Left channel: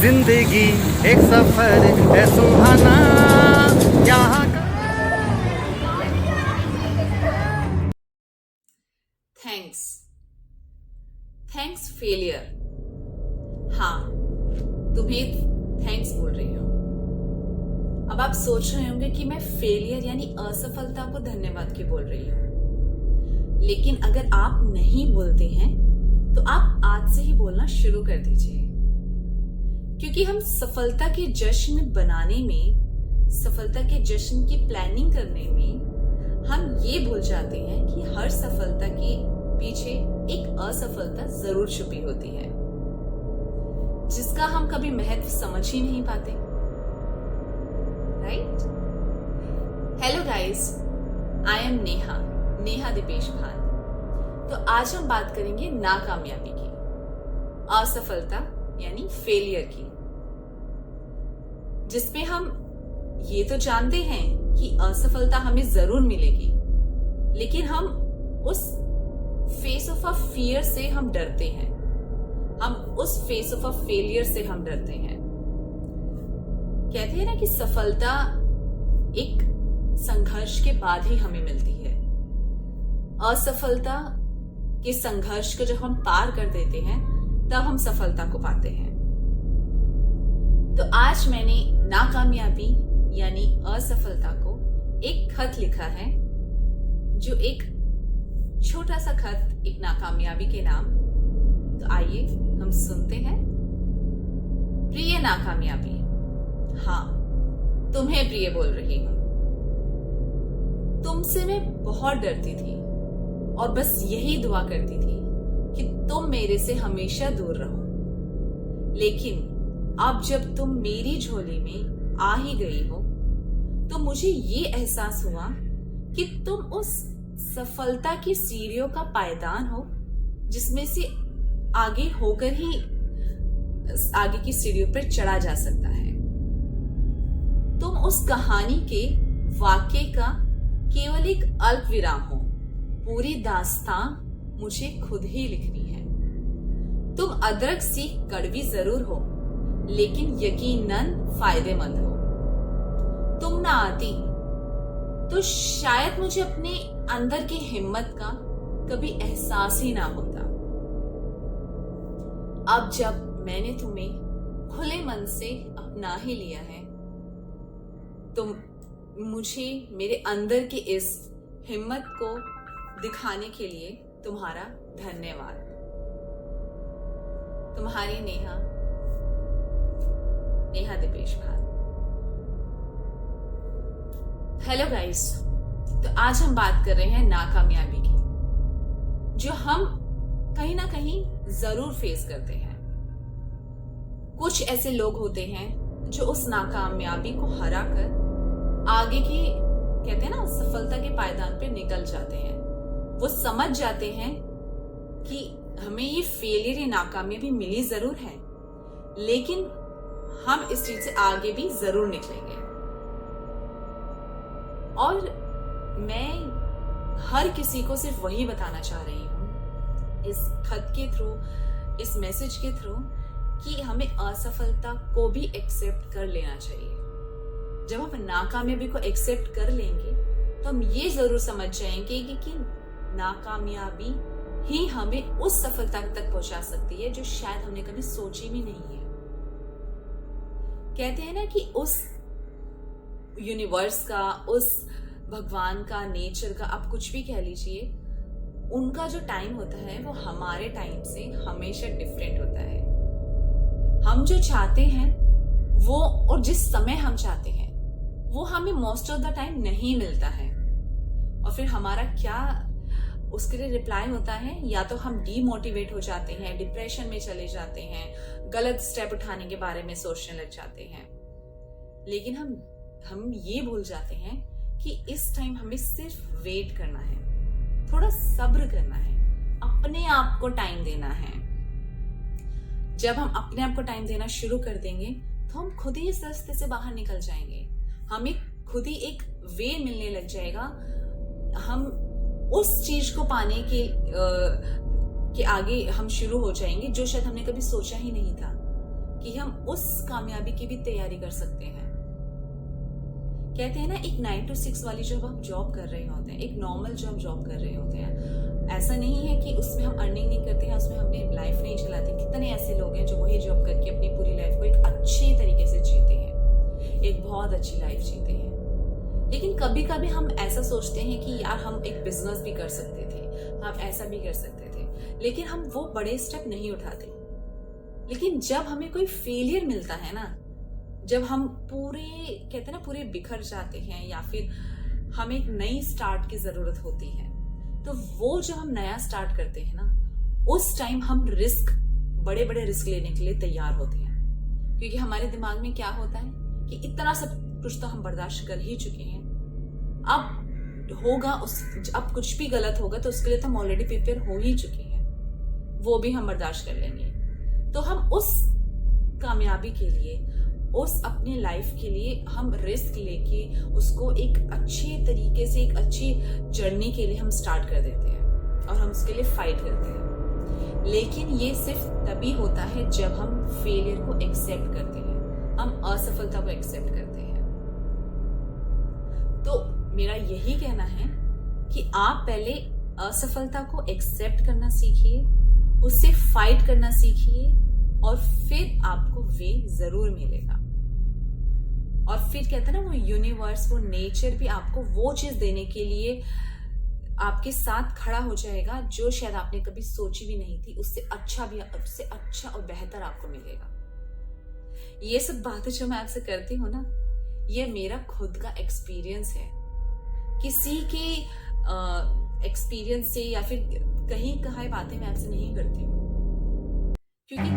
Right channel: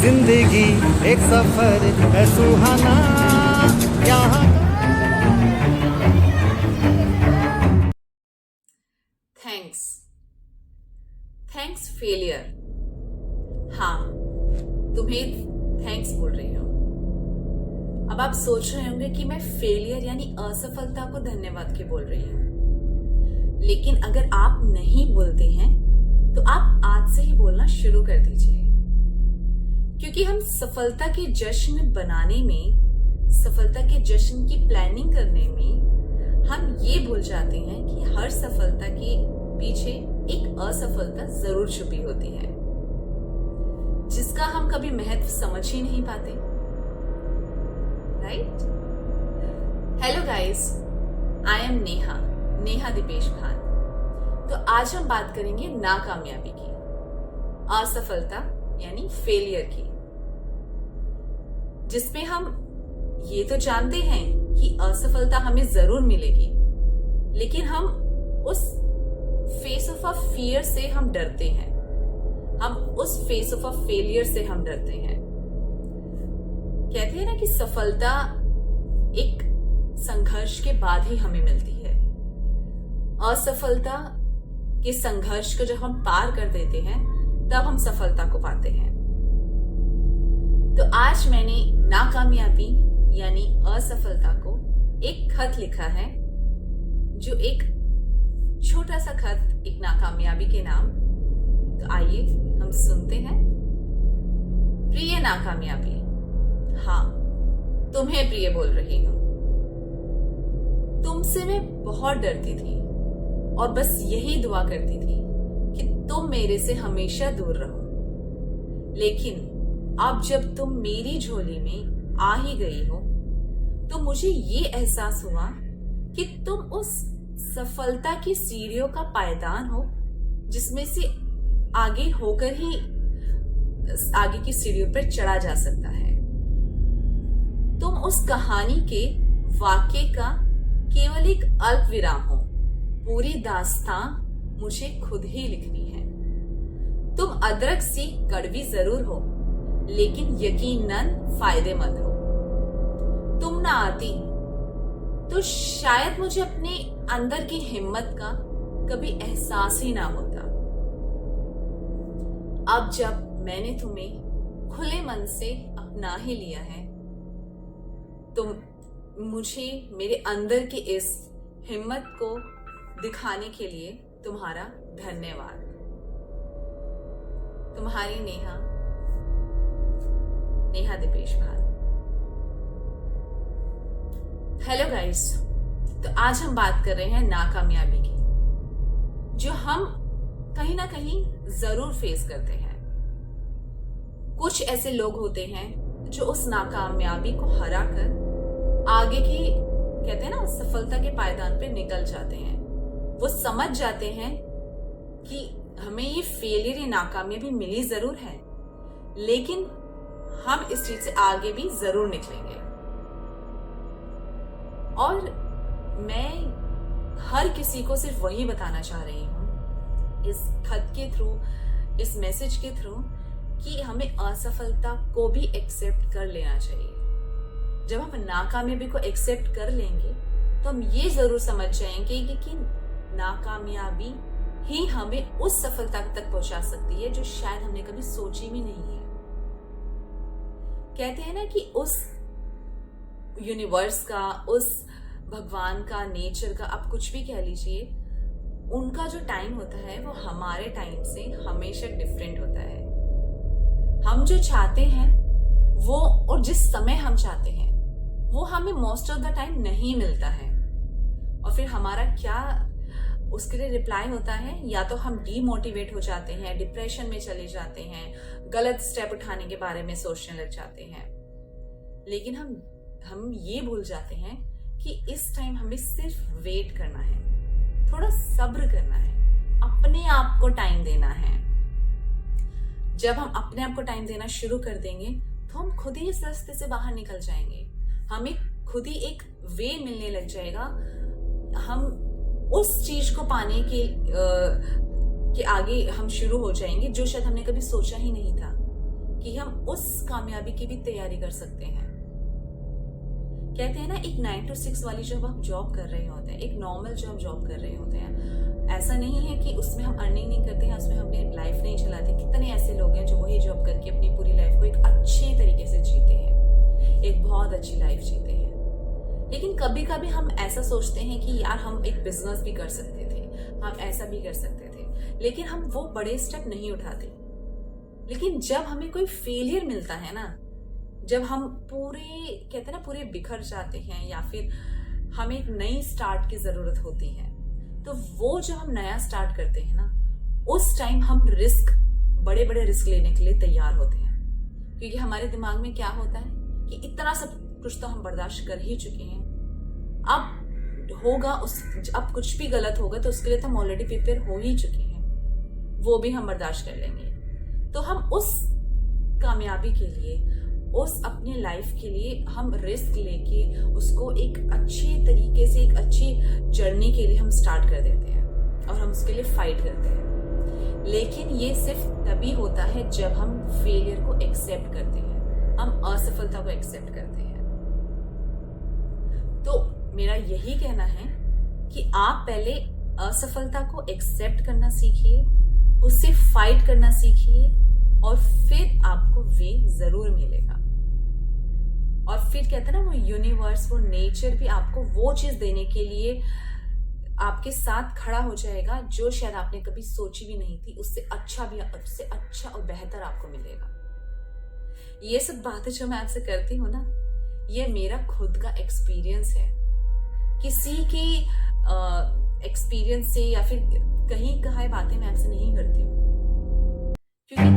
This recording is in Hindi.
जिंदगी एक सफर है सुहाना यहाँ का। Thanks thanks failure. हाँ, तुम्हें थैंक्स बोल रही हूँ। अब आप सोच रहे होंगे कि मैं फेलियर यानी असफलता को धन्यवाद क्यों बोल रही हूँ। लेकिन अगर आप नहीं बोलते हैं तो आप आज से ही बोलना शुरू कर दीजिए, क्योंकि हम सफलता के जश्न बनाने में, सफलता के जश्न की प्लानिंग करने में हम ये भूल जाते हैं कि हर सफलता के पीछे एक असफलता जरूर छुपी होती है, जिसका हम कभी महत्व समझ ही नहीं पाते। Right? Hello guys, I am Neha Deepesh Bhan. तो आज हम बात करेंगे नाकामयाबी की, असफलता यानी फेलियर की, जिसमें हम ये तो जानते हैं कि असफलता हमें जरूर मिलेगी, लेकिन हम उस फेस ऑफ अ फियर से हम डरते हैं, हम उस फेस ऑफ अ फेलियर से हम डरते हैं। कहते हैं ना कि सफलता एक संघर्ष के बाद ही हमें मिलती है। असफलता के संघर्ष को जब हम पार कर देते हैं तब हम सफलता को पाते हैं। तो आज मैंने नाकामयाबी यानी असफलता को एक खत लिखा है, जो एक छोटा सा खत एक नाकामयाबी के नाम। तो आइए हम सुनते हैं। प्रिय नाकामयाबी, हाँ, तुम्हें प्रिय बोल रही हूं। तुमसे मैं बहुत डरती थी और बस यही दुआ करती थी कि तुम मेरे से हमेशा दूर रहो। लेकिन अब जब तुम मेरी झोली में आ ही गई हो तो मुझे ये एहसास हुआ कि तुम उस सफलता की सीढ़ियों का पायदान हो, जिसमें से आगे होकर ही आगे की सीढ़ियों पर चढ़ा जा सकता है। तुम उस कहानी के वाक्य का केवल एक अल्प विराम हो। पूरी दास्तां मुझे खुद ही लिखनी है। तुम अदरक सी कड़वी जरूर हो, लेकिन यकीनन फायदेमंद हो। तुम ना आती तो शायद मुझे अपने अंदर की हिम्मत का कभी एहसास ही ना होता। अब जब मैंने तुम्हें खुले मन से अपना ही लिया है, तो मुझे मेरे अंदर की इस हिम्मत को दिखाने के लिए तुम्हारा धन्यवाद। तुम्हारी नेहा दीपेश भान। हेलो गाइस, तो आज हम बात कर रहे हैं नाकामयाबी की, जो हम कहीं ना कहीं जरूर फेस करते हैं। कुछ ऐसे लोग होते हैं जो उस नाकामयाबी को हरा कर आगे की, कहते हैं ना, सफलता के पायदान पे निकल जाते हैं। वो समझ जाते हैं कि हमें ये फेलियर, ये नाकामयाबी मिली जरूर है, लेकिन हम इस चीज से आगे भी जरूर निकलेंगे। और मैं हर किसी को सिर्फ वही बताना चाह रही हूँ इस खत के थ्रू, इस मैसेज के थ्रू, कि हमें असफलता को भी एक्सेप्ट कर लेना चाहिए। जब हम नाकामयाबी को एक्सेप्ट कर लेंगे तो हम ये जरूर समझ जाएंगे कि नाकामयाबी ही हमें उस सफलता तक पहुंचा सकती है जो शायद हमने कभी सोची भी नहीं है। कहते हैं ना कि उस यूनिवर्स का, उस भगवान का, नेचर का, आप कुछ भी कह लीजिए, उनका जो टाइम होता है वो हमारे टाइम से हमेशा डिफरेंट होता है। हम जो चाहते हैं वो, और जिस समय हम चाहते हैं वो हमें मोस्ट ऑफ द टाइम नहीं मिलता है। और फिर हमारा क्या उसके लिए रिप्लाई होता है, या तो हम डीमोटिवेट हो जाते हैं, डिप्रेशन में चले जाते हैं, गलत स्टेप उठाने के बारे में सोचने लग जाते हैं। लेकिन हम ये भूल जाते हैं कि इस टाइम हमें सिर्फ वेट करना है, थोड़ा सब्र करना है, अपने आप को टाइम देना है। जब हम अपने आप को टाइम देना शुरू कर देंगे तो हम खुद ही इस रास्ते से बाहर निकल जाएंगे। हमें खुद ही एक वे मिलने लग जाएगा। हम उस चीज को पाने के आगे हम शुरू हो जाएंगे जो शायद हमने कभी सोचा ही नहीं था कि हम उस कामयाबी की भी तैयारी कर सकते हैं। कहते हैं ना, एक 9 to 6 वाली जब हम जॉब कर रहे होते हैं, एक नॉर्मल जॉब कर रहे होते हैं, ऐसा नहीं है कि उसमें हम अर्निंग नहीं करते हैं, उसमें अपनी लाइफ नहीं चलाते। कितने ऐसे लोग हैं जो वही जॉब करके अपनी पूरी लाइफ को एक अच्छे तरीके से जीते हैं, एक बहुत अच्छी लाइफ जीते हैं। लेकिन कभी कभी हम ऐसा सोचते हैं कि यार हम एक बिजनेस भी कर सकते थे, हम ऐसा भी कर सकते थे, लेकिन हम वो बड़े स्टेप नहीं उठाते। लेकिन जब हमें कोई फेलियर मिलता है ना, जब हम पूरे कहते हैं ना पूरे बिखर जाते हैं, या फिर हमें एक नई स्टार्ट की जरूरत होती है, तो वो जब हम नया स्टार्ट करते हैं ना, उस टाइम हम बड़े बड़े रिस्क लेने के लिए तैयार होते हैं। क्योंकि हमारे दिमाग में क्या होता है कि इतना सब कुछ तो हम बर्दाश्त कर ही चुके हैं, अब कुछ भी गलत होगा तो उसके लिए तो हम ऑलरेडी प्रिपेयर हो ही चुके हैं, वो भी हम बर्दाश्त कर लेंगे। तो हम उस कामयाबी के लिए, उस अपने लाइफ के लिए हम रिस्क लेके उसको एक अच्छे तरीके से, एक अच्छी जर्नी के लिए हम स्टार्ट कर देते हैं और हम उसके लिए फाइट करते हैं। लेकिन ये सिर्फ तभी होता है जब हम फेलियर को एक्सेप्ट करते हैं, हम असफलता को एक्सेप्ट करते हैं। तो मेरा यही कहना है कि आप पहले असफलता को एक्सेप्ट करना सीखिए, उससे फाइट करना सीखिए, और फिर आपको वे जरूर मिलेगा। और फिर कहते हैं ना, वो यूनिवर्स, वो नेचर भी आपको वो चीज देने के लिए आपके साथ खड़ा हो जाएगा जो शायद आपने कभी सोची भी नहीं थी। उससे अच्छा और बेहतर आपको मिलेगा। ये सब बातें जो मैं आपसे करती हूँ ना, ये मेरा खुद का एक्सपीरियंस है, किसी के एक्सपीरियंस से या फिर कहीं कहाई बातें मैं आपसे नहीं करती हूँ। क्योंकि